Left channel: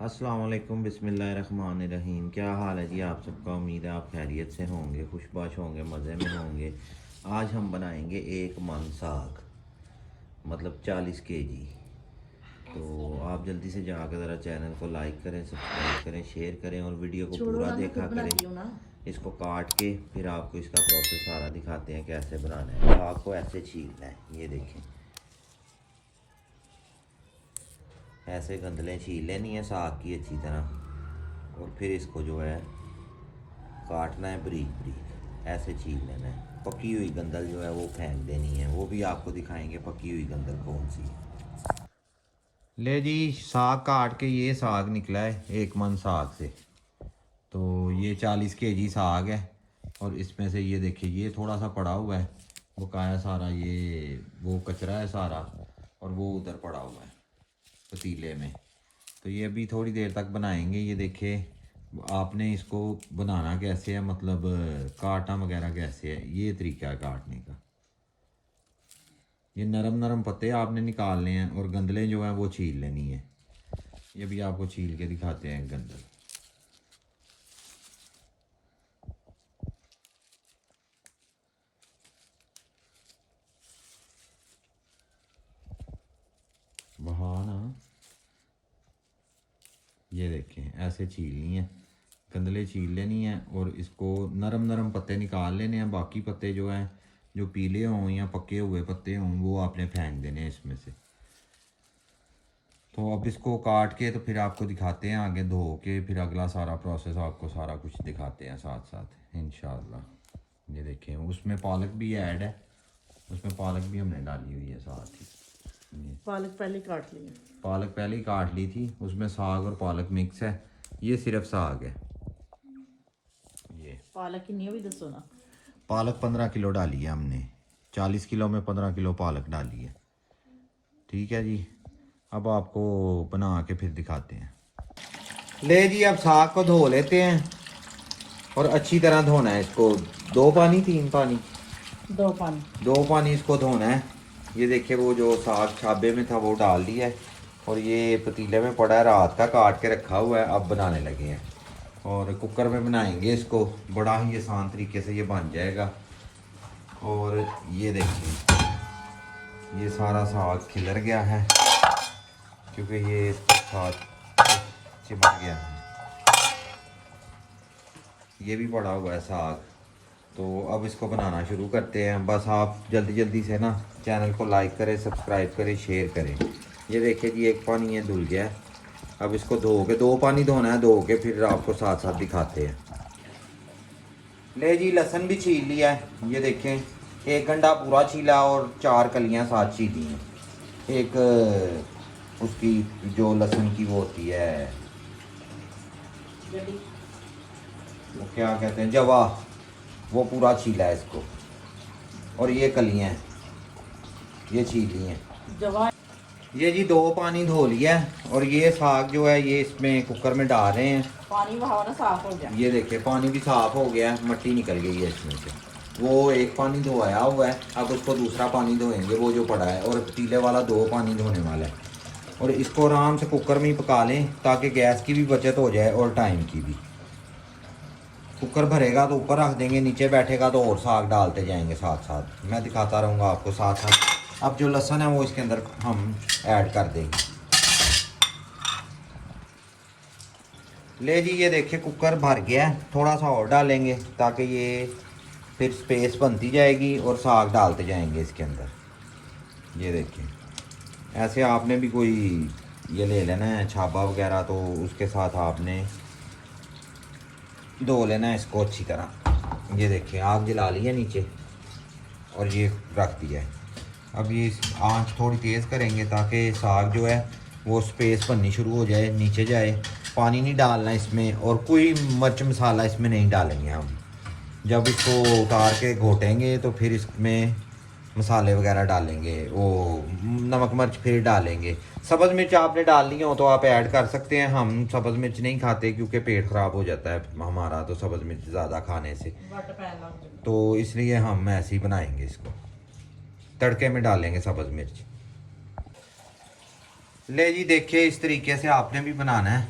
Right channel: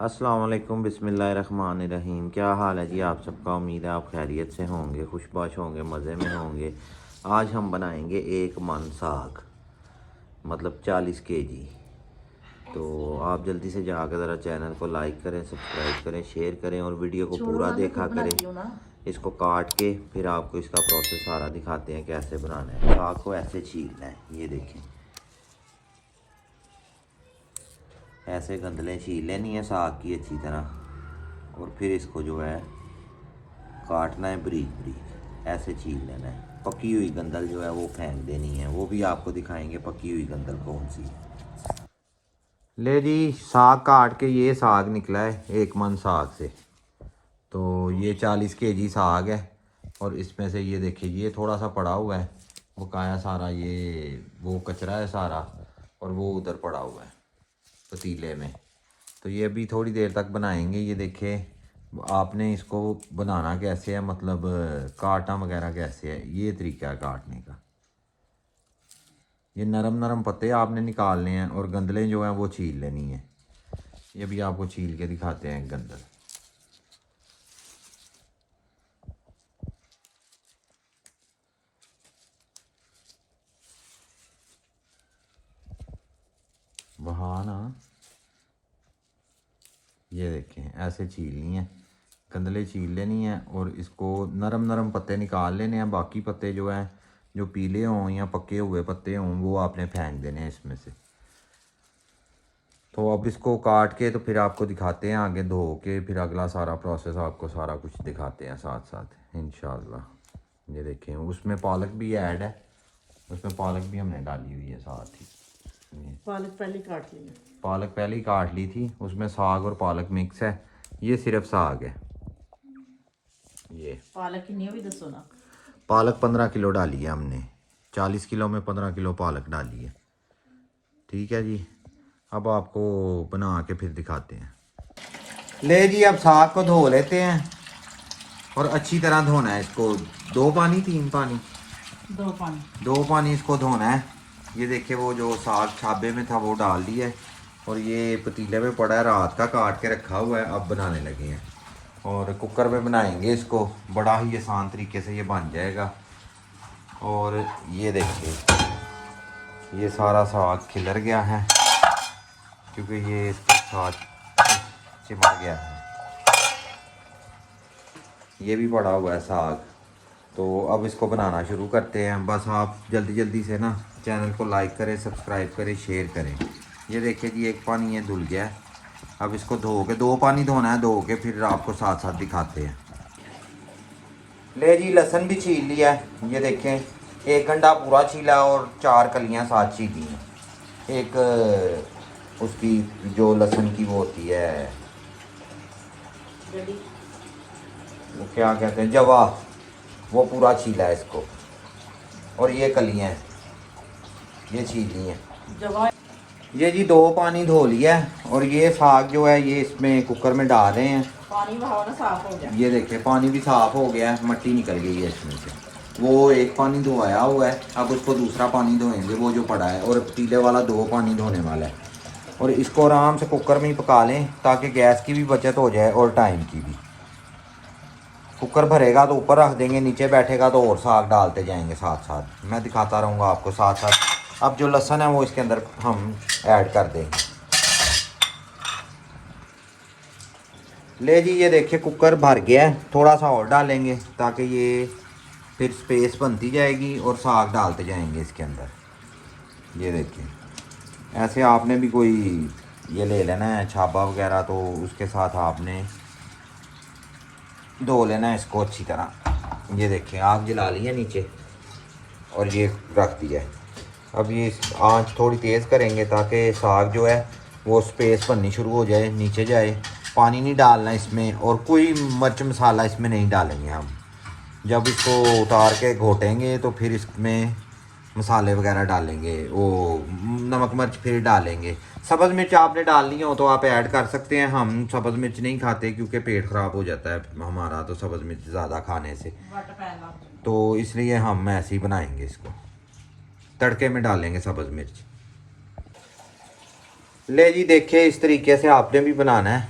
अस्सलाम वालेकुम बिस्मिल्लाहिर्रहमानिर्रहीम। क्या हाल है जी आप सबका। उम्मीद है आप खैरियत से होंगे, खुशबाश होंगे, मज़े में होंगे। आज हम बनाएंगे एक मन साग, मतलब 40 kg। तो आप जल्दी से जाकर ज़रा चैनल को लाइक करें, सब्सक्राइब करें, शेयर करें और वीडियो को पूरा देखा करें। इसको काट के फिर आपको इसका प्रोसेस सारा दिखाते हैं कैसे बनाना है। साग को ऐसे छीलना है, ये देखें, ऐसे गंदले छील लेनी है साग की अच्छी तरह, और फिर इसको जो है काटना है बारीक बारीक, ऐसे छील लेना है। पकी हुई गंदल जो है वो फेंक देनी है, वो भी आपको दिखाएंगे पकी हुई गंदल कौन सी है। ले जी, साग काट के ये साग निकला है एक मन साग से। तो ये 40 kg साग है और इसमें से ये देखिए ये थोड़ा सा पड़ा हुआ है, वो काया सारा, ये वो कचरा है सारा, और वो उधर पड़ा हुआ है पतीले में। तो ये अभी थोड़ी देर तक बनाएंगे। ये देखें आपने इसको बनाना कैसे है, मतलब काटना वगैरह कैसे है, ये तरीका है काटने का। ये नरम नरम पत्ते आपने निकालने हैं और गंदलें जो हैं वो छील लेनी है। ये भी आपको छील के दिखाते हैं गंदल। वहाँ ना, ये देखें ऐसे छीलनी है, गंदले छील लेनी है और इसको नरम नरम पत्ते निकाल लेने हैं। बाकी पत्ते जो हैं, जो पीले हों या पके हुए पत्ते हों, वो आपने फेंक देने हैं इसमें से। तो अब इसको काट के तो फिर आपको दिखाते हैं आगे धो के, फिर अगला सारा प्रोसेस आपको सारा कुछ दिखाते हैं साथ साथ इंशाल्लाह। ये देखें उसमें पालक भी ऐड है, उसमें पालक भी हमने डाली हुई है साथ ही। पालक पहले काट ली है। पालक पहले ही काट ली थी, उसमें साग और पालक मिक्स है। ये सिर्फ साग है। ये पालक कितनी है भी दसो ना। पालक 15 किलो डाली है हमने, 40 किलो में 15 किलो पालक डाली है। ठीक है जी, अब आपको बना के फिर दिखाते हैं। ले जी, अब साग को धो लेते हैं और अच्छी तरह धोना है इसको। 2 पानी 3 पानी, 2 पानी इसको धोना है। ये देखिए वो जो साग छाबे में था वो डाल दिया है और ये पतीले में पड़ा है, रात का काट के रखा हुआ है, अब बनाने लगे हैं। और कुकर में बनाएंगे इसको, बड़ा ही आसान तरीके से ये बन जाएगा। और ये देखिए ये सारा साग खिलर गया है क्योंकि ये इसके साथ चिपक गया है। ये भी पड़ा हुआ है साग। तो अब इसको बनाना शुरू करते हैं। बस आप जल्दी जल्दी से ना चैनल को लाइक करें, सब्सक्राइब करें, शेयर करें। ये देखिए जी एक पानी ये धुल गया है। अब इसको धो के, 2 पानी धोना है, धो के फिर आपको साथ साथ दिखाते हैं। ले जी, लहसुन भी छील लिया है। ये देखें 1 घंटा पूरा छीला और 4 कलियां साथ छीली हैं। एक उसकी जो लहसुन की वो होती है, क्या कहते हैं, जवा, वो पूरा छीला है इसको। और ये कलियां हैं, ये छीली हैं। ये जी 2 पानी धो लिया है और ये साग जो है ये इसमें कुकर में डाल रहे हैं। पानी बहाओ साफ हो गया। ये देखिए पानी भी साफ हो गया है, मट्टी निकल गई है इसमें से। वो 1 पानी धोया हुआ है, अब उसको दूसरा पानी धोएंगे वो जो पड़ा है, और पतीले वाला 2 पानी धोने वाला है। और इसको आराम से कुकर में ही पका लें ताकि गैस की भी बचत हो जाए और टाइम की भी। कुकर भरेगा तो ऊपर रख देंगे, नीचे बैठेगा तो और साग डालते जाएंगे साथ साथ, मैं दिखाता रहूँगा आपको साथ साथ। अब जो लहसुन है वो इसके अंदर हम ऐड कर देंगे। ले जी, ये देखिए कुकर भर गया है, थोड़ा सा और डालेंगे ताकि ये फिर स्पेस बनती जाएगी और साग डालते जाएंगे इसके अंदर। ये देखिए ऐसे आपने भी कोई ये ले लेना है छाबा वगैरह, तो उसके साथ आपने धो लेना है इसको अच्छी तरह। ये देखिए आग जला ली है नीचे और ये रख दिया है। अब ये आंच थोड़ी तेज़ करेंगे ताकि साग जो है वो स्पेस बननी शुरू हो जाए, नीचे जाए। पानी नहीं डालना इसमें और कोई मिर्च मसाला इसमें नहीं डालेंगे हम। जब इसको उतार के घोटेंगे तो फिर इसमें मसाले वगैरह डालेंगे, वो नमक मिर्च फिर डालेंगे। सब्ज़ मिर्च आपने डालनी हो तो आप ऐड कर सकते हैं। हम सब्ज़ मिर्च नहीं खाते क्योंकि पेट ख़राब हो जाता है हमारा तो सब्ज़ मिर्च ज़्यादा खाने से, तो इसलिए हम ऐसे ही बनाएंगे इसको, तड़के में डालेंगे सब्ज़ मिर्च। ले जी देखिए इस तरीके से आपने भी बनाना है।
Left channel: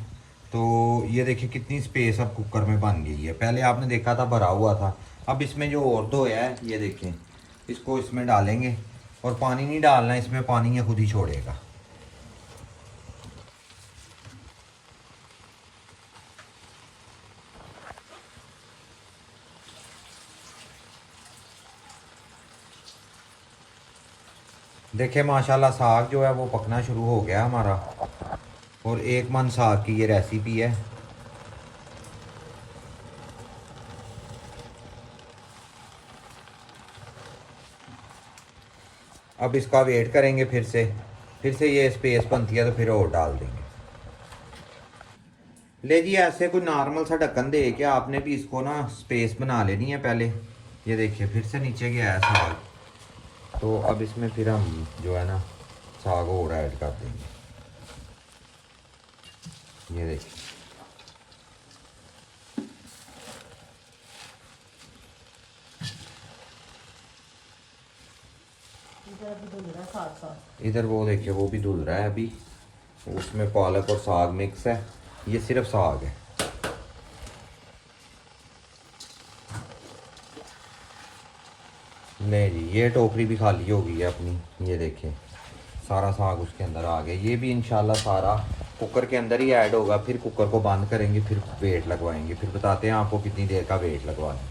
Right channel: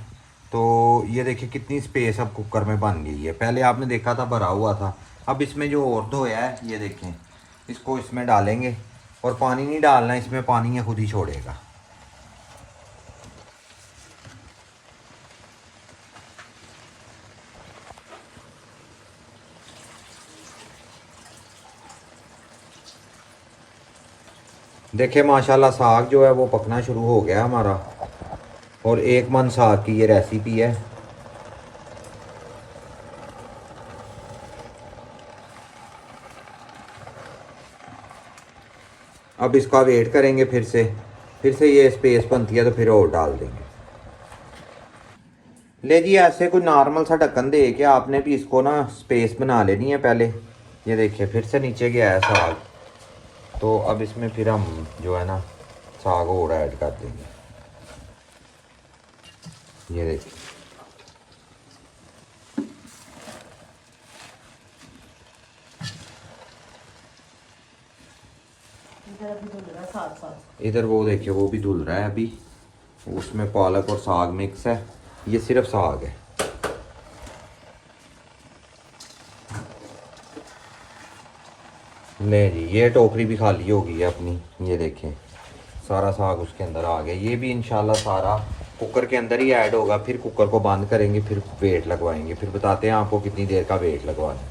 तो ये देखिए कितनी स्पेस अब कुकर में बन गई है। पहले आपने देखा था भरा हुआ था। अब इसमें जो और धोया है ये देखें, इसको इसमें डालेंगे और पानी नहीं डालना इसमें, पानी ये खुद ही छोड़ेगा। देखिए माशाल्लाह साग जो है वो पकना शुरू हो गया हमारा, और एक मन साग की ये रेसिपी है। अब इसका वेट करेंगे फिर से ये स्पेस बनती है तो फिर और डाल देंगे। ले जी ऐसे कोई नॉर्मल सा ढक्कन दे के आपने भी इसको ना स्पेस बना लेनी है पहले। ये देखिए फिर से नीचे गया है साग, तो अब इसमें फिर हम जो है ना साग और ऐड कर देंगे। ये देखिए साथ साथ इधर वो देखिए वो भी धुल रहा है अभी। उसमें पालक और साग मिक्स है, ये सिर्फ साग है। ले जी ये टोकरी भी खाली हो गई है अपनी। ये देखिए सारा साग उसके अंदर आ गया। ये भी इंशाल्लाह सारा कुकर के अंदर ही ऐड होगा। फिर कुकर को बंद करेंगे, फिर वेट लगवाएंगे, फिर बताते हैं आपको कितनी देर का वेट लगवाना।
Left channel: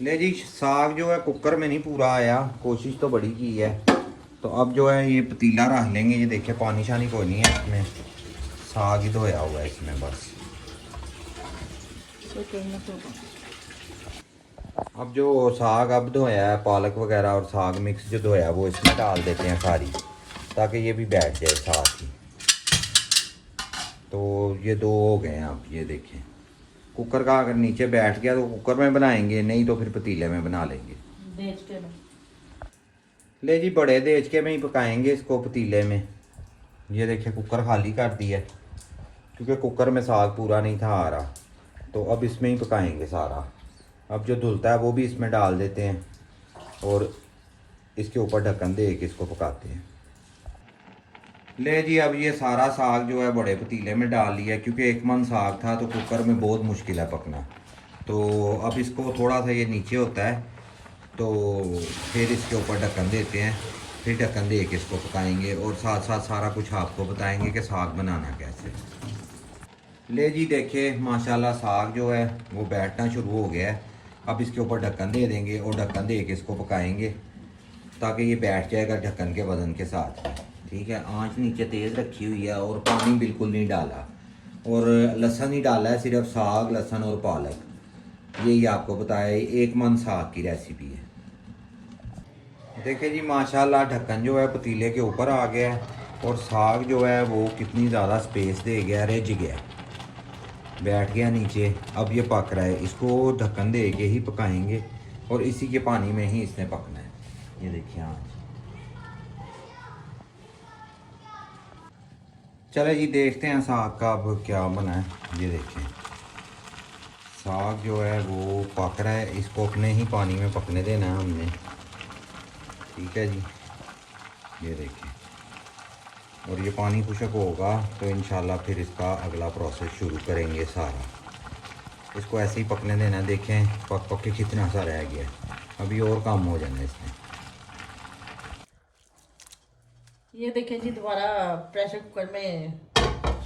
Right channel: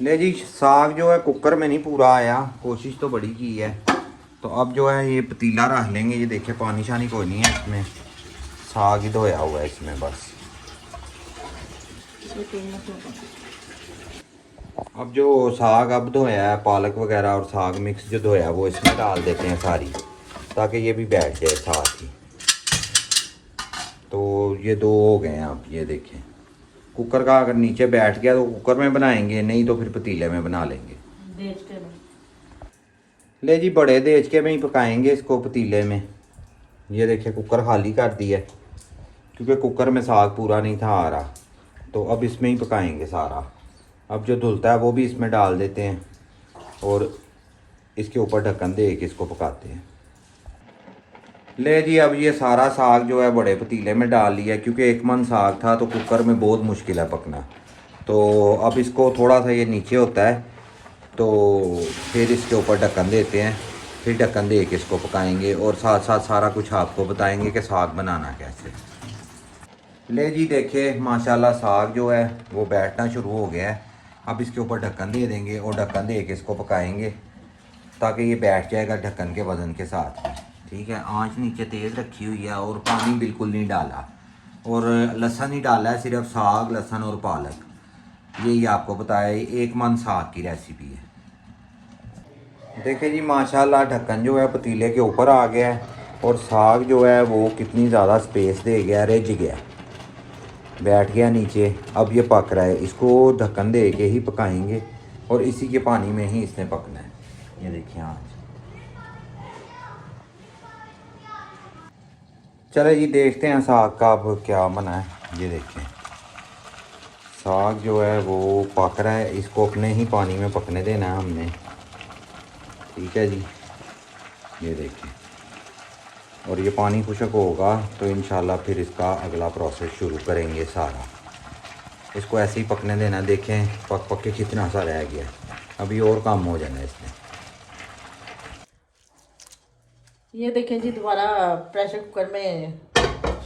ले जी साग जो है कुकर में नहीं पूरा आया, कोशिश तो बड़ी की है। तो अब जो है ये पतीला रख लेंगे। ये देखिए पानी शानी कोई नहीं है इसमें, साग ही धोया हुआ है इसमें बस। अब जो साग अब धोया है, पालक वगैरह और साग मिक्स जो धोया है वो इसमें डाल देते हैं सारी, ताकि ये भी बैठ जाए साथ ही। तो ये दो हो गए हैं। आप ये देखिए कुकर का अगर नीचे बैठ गया तो कुकर में बनाएंगे, नहीं तो फिर पतीले में बना लेंगे। देख के ले जी बड़े देज के में ही पकाएंगे इसको पतीले में। ये देखिए कुकर खाली कर दिया क्योंकि कुकर में साग पूरा नहीं था आ रहा, तो अब इसमें ही पकाएंगे सारा। अब जो धुलता है वो भी इसमें डाल देते हैं और इसके ऊपर ढक्कन दे के इसको पकाते हैं। ले जी अब ये सारा साग जो है बड़े पतीले में डाल लिया, क्योंकि एक मन साग था तो कुकर में बहुत मुश्किल है पकना। तो अब इसको थोड़ा सा ये नीचे होता है तो फिर इसके ऊपर ढक्कन देते हैं, फिर ढक्कन दे के इसको पकाएंगे और साथ साथ सारा कुछ आपको बताएंगे कि साग बनाना कैसे। ले जी देखिए माशाल्लाह साग जो है वो बैठना शुरू हो गया है। अब इसके ऊपर ढक्कन दे देंगे और ढक्कन दे के इसको पकाएंगे ताकि ये बैठ जाएगा ढक्कन के वजन के साथ। ठीक है, आंच नीचे तेज़ रखी हुई है और पानी बिल्कुल नहीं डाला और लहसुन ही डाला है, सिर्फ साग लहसुन और पालक। यही आपको बताया एक मन साग की रेसिपी है। देखिए जी माशाल्लाह ढक्कन जो है पतीले के ऊपर आ गया है और साग जो है वो कितनी ज़्यादा स्पेस दे गया, रिज गया, बैठ गया नीचे। अब ये पक रहा है, इसको ढक्कन दे के ही पकाएंगे और इसी के पानी में ही इसने पकना है। ये देखिए आज चले जी देखते हैं साग का अब क्या बना है। ये देखें साग जो है वो पक रहा है, इसको अपने ही पानी में पकने देना है हमने। ठीक है जी, ये देखिए और ये पानी खुशक होगा तो इंशाल्लाह फिर इसका अगला प्रोसेस शुरू करेंगे सारा। इसको ऐसे ही पकने देना। देखें पक पक के कितना सा रह गया, अभी और कम हो जाना है इसमें। ये देखें जी दोबारा प्रेशर कुकर में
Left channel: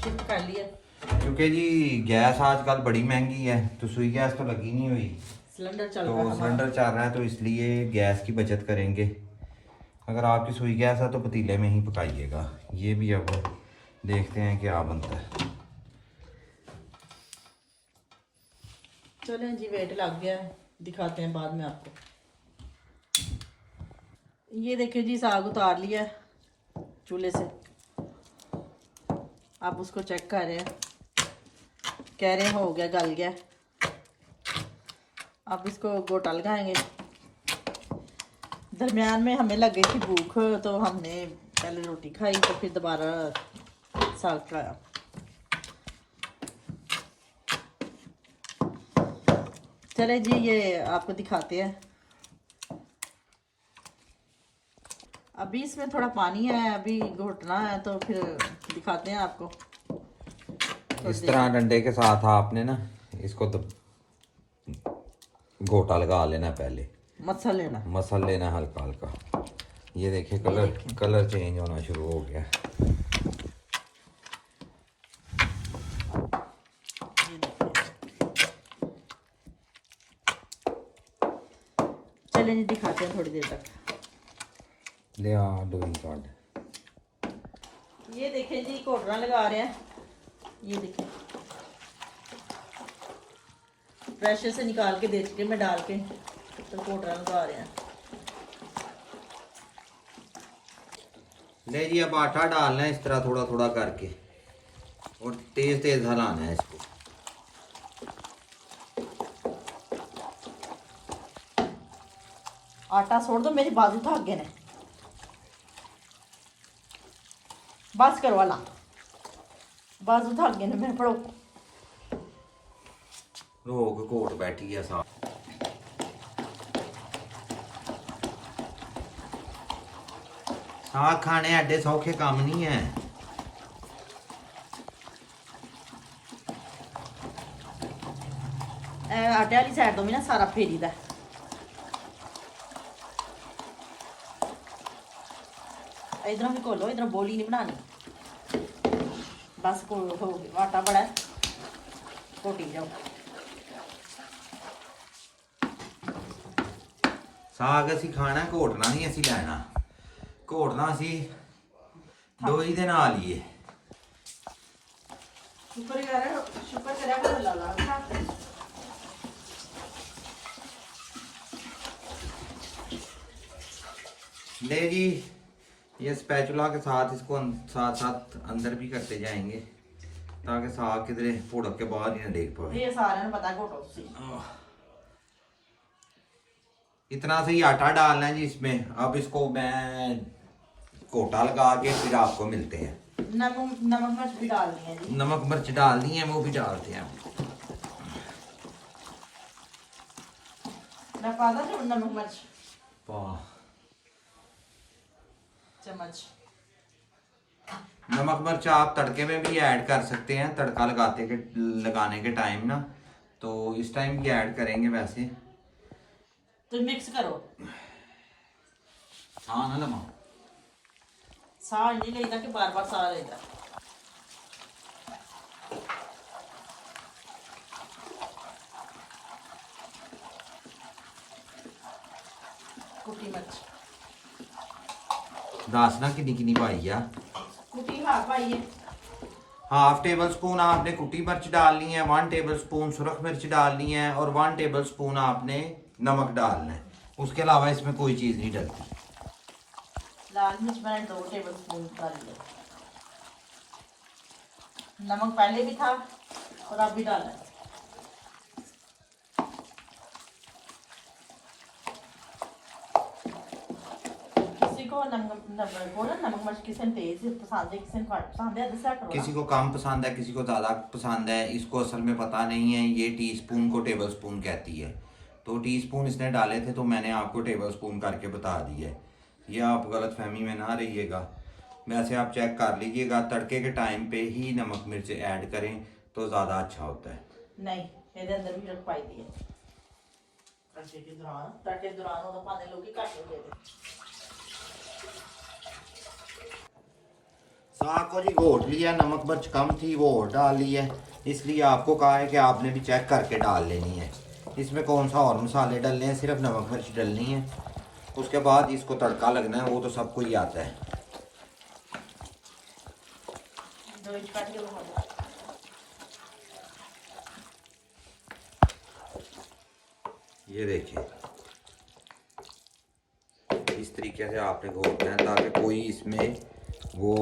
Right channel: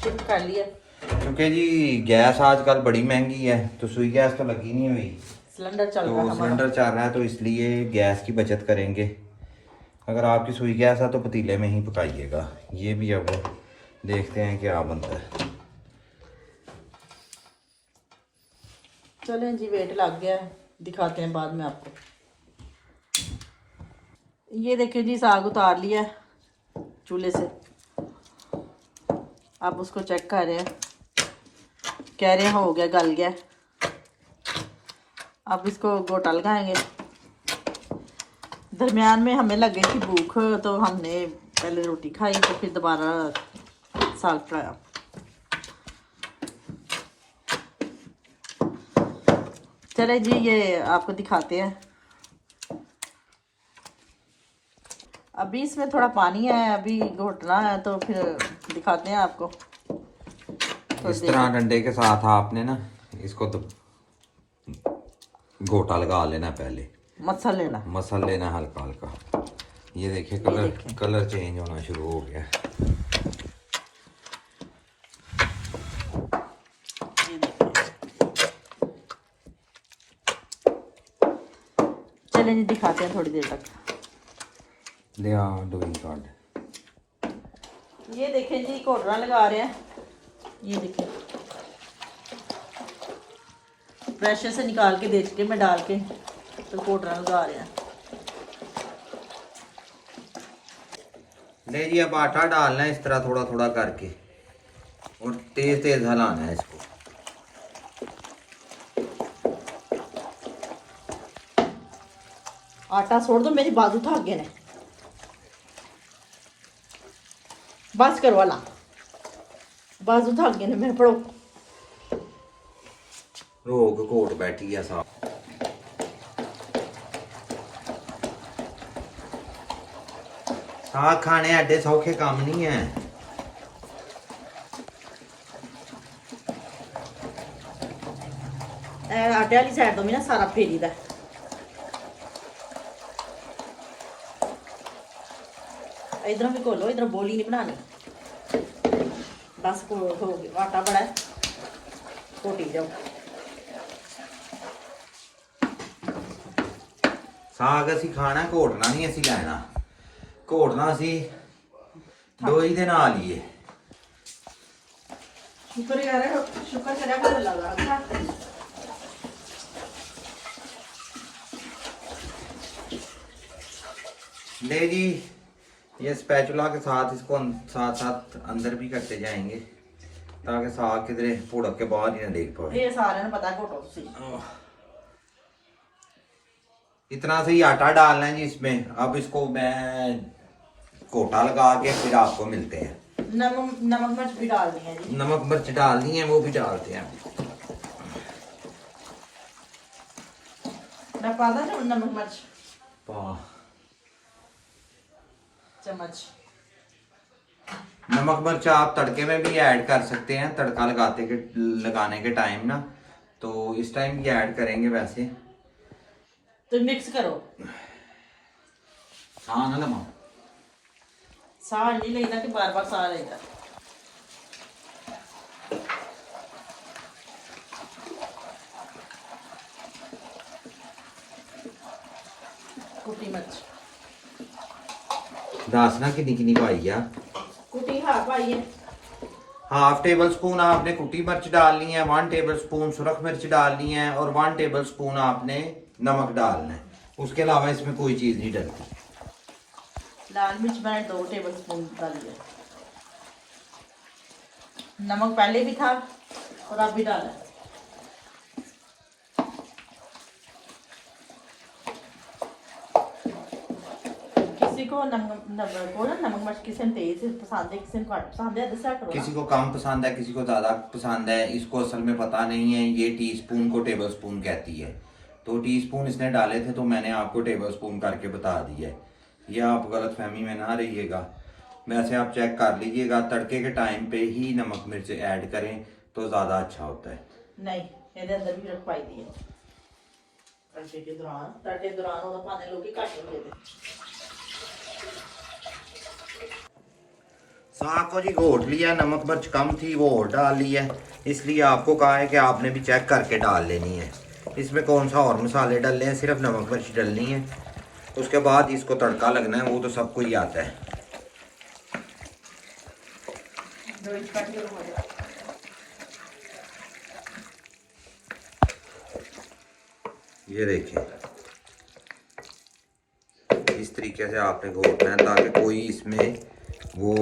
शिफ्ट कर लिया क्योंकि जी गैस आजकल बड़ी महंगी है तो सुई गैस तो लगी नहीं हुई, सिलेंडर चल रहा तो है सिलेंडर चल रहा है, तो इसलिए गैस की बचत करेंगे। अगर आपकी सुई गैस है तो पतीले में ही पकाइएगा। ये भी अब देखते हैं क्या बनता है। चलें जी वेट लग गया है, दिखाते हैं बाद में आपको। ये देखें जी साग उतार लिया है चूल्हे से। अब उसको चेक कर रहे हैं, कह रहे हैं हो गया, गल गया। अब इसको गोटा लगाएंगे। दरमियान में हमें लग गई थी भूख तो हमने पहले रोटी खाई तो फिर दोबारा साग खाया। चले जी ये आपको दिखाते हैं। अभी इसमें थोड़ा पानी है, अभी घोटना है तो फिर दिखाते हैं आपको। इस तरह डंडे के साथ आपने ना इसको तो घोटा लगा लेना, पहले मसल लेना हल्का हल्का। ये देखिए कलर चेंज होना शुरू हो गया। चलें दिखाते हैं थोड़ी देर तक। ले डोइंग कार्ड। ये देखें जी घोटना लगा रहे हैं। ये देखें प्रेशर से निकाल के देख के मैं डाल के तो घोटना लगा रहे हैं। ले जी अब आटा डालना है इस तरह थोड़ा थोड़ा करके और तेज तेज हिलाना है इसको। आटा छोड़ दो, मेरी बाजू थक गए ने। बस करो वाला, बाजू थक गए ने मेरे। पड़ो रोक घोट बैठी है साथ। साग खाने एडे सौखे काम नहीं है। आटे वाली साइड तो मैं ना सारा फेरी दा। इधर भी खोलो, इधर बोली नहीं बनानी। बस हो गया, आटा बड़ा है, घोटी जाओ। साग असी खाना घोटना नहीं असी लेना। घोटना असी दोई दे नाल ही है। शुक्र करा को लगा। ले जी ये स्पैचुला के साथ इसको साथ साथ अंदर भी करते जाएंगे ताकि साग किधरे पुड़क के बाहर ही ना देख पाए। ये सारे ने पता घोटो सी। इतना सही आटा डालना है जी इसमें। अब इसको मैं कोटा लगा के फिर आपको मिलते हैं। नमक मिर्च भी डाल दिए जी। नमक मिर्च डाल दी है, वो भी डालते हैं। मैं पादा नमक मिर्च चम्मच। नमक मिर्च आप तड़के में भी ऐड कर सकते हैं, तड़का लगाने के टाइम ना, तो इस टाइम भी ऐड करेंगे वैसे तो मिक्स करो। हाँ ना लमा साह नहीं लेना कि बार बार साह लेगा। कुटी मिर्च दासना कितनी कितनी पाई है। कुटी हाँ पाई है। हाफ टेबल स्पून आपने कुटी मिर्च डालनी है, 1 टेबल स्पून सुरख मिर्च डालनी है और 1 टेबल स्पून आपने नमक डालना है। उसके अलावा इसमें कोई चीज नहीं डलती। लाल मिर्च मैंने 2 टेबल स्पून डाल दिया। नमक पहले भी था और अब भी डाला। किसी को नमक मिर्च किसी ने तेज पसंद है, किसी को घट पसंद है। दसा करो किसी को कम पसंद है, किसी को ज्यादा पसंद है। इसको असल में पता नहीं है, ये टीस्पून को टेबल स्पून कहती है। तो टीस्पून इसने डाले थे तो मैंने आपको टेबल स्पून करके बता दिया है। ये आप गलत फहमी में ना रहिएगा। वैसे आप चेक कर लीजिएगा, तड़के के टाइम पे ही नमक मिर्च ऐड करें तो ज़्यादा अच्छा होता है। नहीं ਇਹਦੇ ਅੰਦਰ ਵੀ ਰਖ ਪਾਈ ਦੀ ਹੈ। तड़के दौरान ਉਹਦਾ ਪਾਣੇ ਲੋਕੀ ਘੱਟ ਹੁੰਦੇ ਨੇ। साग को जी घोट लिया, नमक मिर्च कम थी वो और डाल ली है। इसलिए आपको कहा है कि आपने भी चेक करके डाल लेनी है। इसमें कौन सा और मसाले डालने हैं, सिर्फ नमक मिर्च डालनी है। उसके बाद इसको तड़का लगना है, वो तो सबको ही आता है। ये देखिए इस तरीके से आपने घोटना है ताकि कोई इसमें वो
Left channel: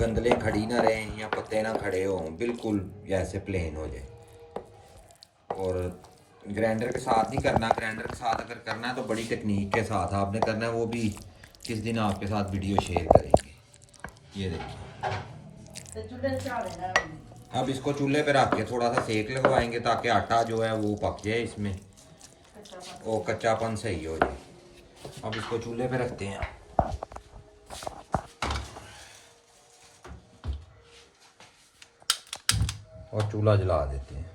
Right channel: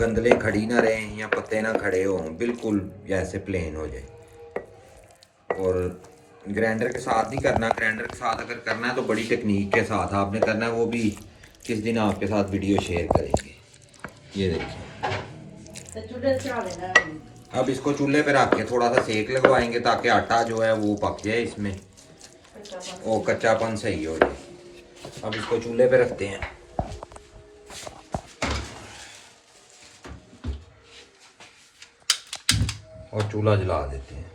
गंदले खड़ी ना रहे या पत्ते ना खड़े हों, बिल्कुल जैसे प्लेन हो जाए। और ग्राइंडर के साथ नहीं करना। ग्राइंडर के साथ अगर करना है तो बड़ी टेक्निक के साथ आपने करना है, वो भी किस दिन आपके साथ वीडियो शेयर करेंगे। ये देखिए अब इसको चूल्हे पे रख के थोड़ा सा सेक लगवाएंगे ताकि आटा जो है वो पक जाए, इसमें वो कच्चापन सही हो जाए। अब इसको चूल्हे पे रखते हैं। और चूल्हा जला देते हैं।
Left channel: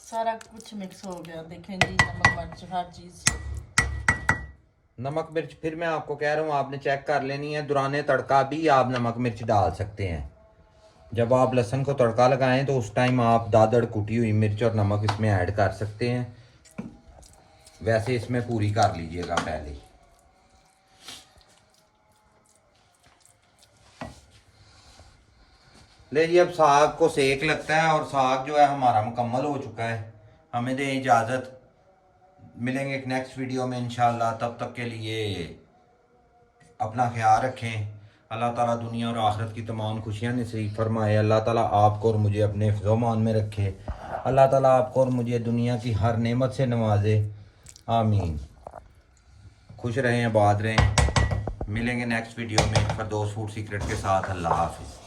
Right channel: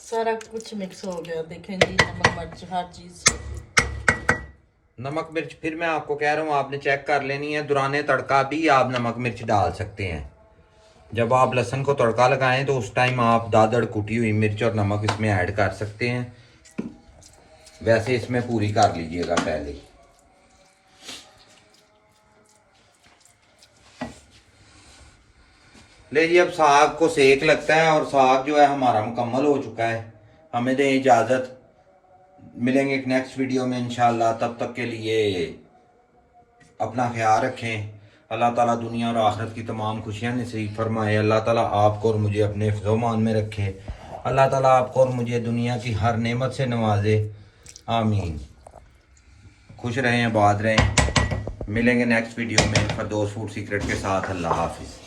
सारा कुछ मिक्स हो गया, देखें जी, नमक मिर्च हर चीज। नमक मिर्च फिर मैं आपको कह रहा हूँ आपने चेक कर लेनी है। दुराने तड़का भी आप नमक मिर्च डाल सकते हैं। जब आप लहसुन को तड़का लगाएं तो उस टाइम आप दादड़ कुटी हुई मिर्च और नमक इसमें ऐड कर सकते हैं। वैसे इसमें पूरी कर लीजिएगा पहले। ले जी, अब साग को सेक लगता है और साग जो है हमारा मुकम्मल हो चुका है। हमें दें इजाज़त, मिलेंगे एक नेक्स्ट वीडियो में इंशाल्लाह। तब तक के लिए अपना ख्याल रखें। अल्लाह ताला दुनिया और आखिरत की तमाम खुशियाँ नसीब फरमाए। अल्लाह ताला आपको और मुझे अपने हिफ्ज़-ओ-मान में रखे। अल्लाह ताला आपको और मुझे दुनिया की हर नेमत से नवाजे। आमीन। खुश रहें, आबाद रहें। मिलेंगे नेक्स्ट वीडियो में फरदौस फूड सीक्रेट के साथ। अल्लाह हाफिज़।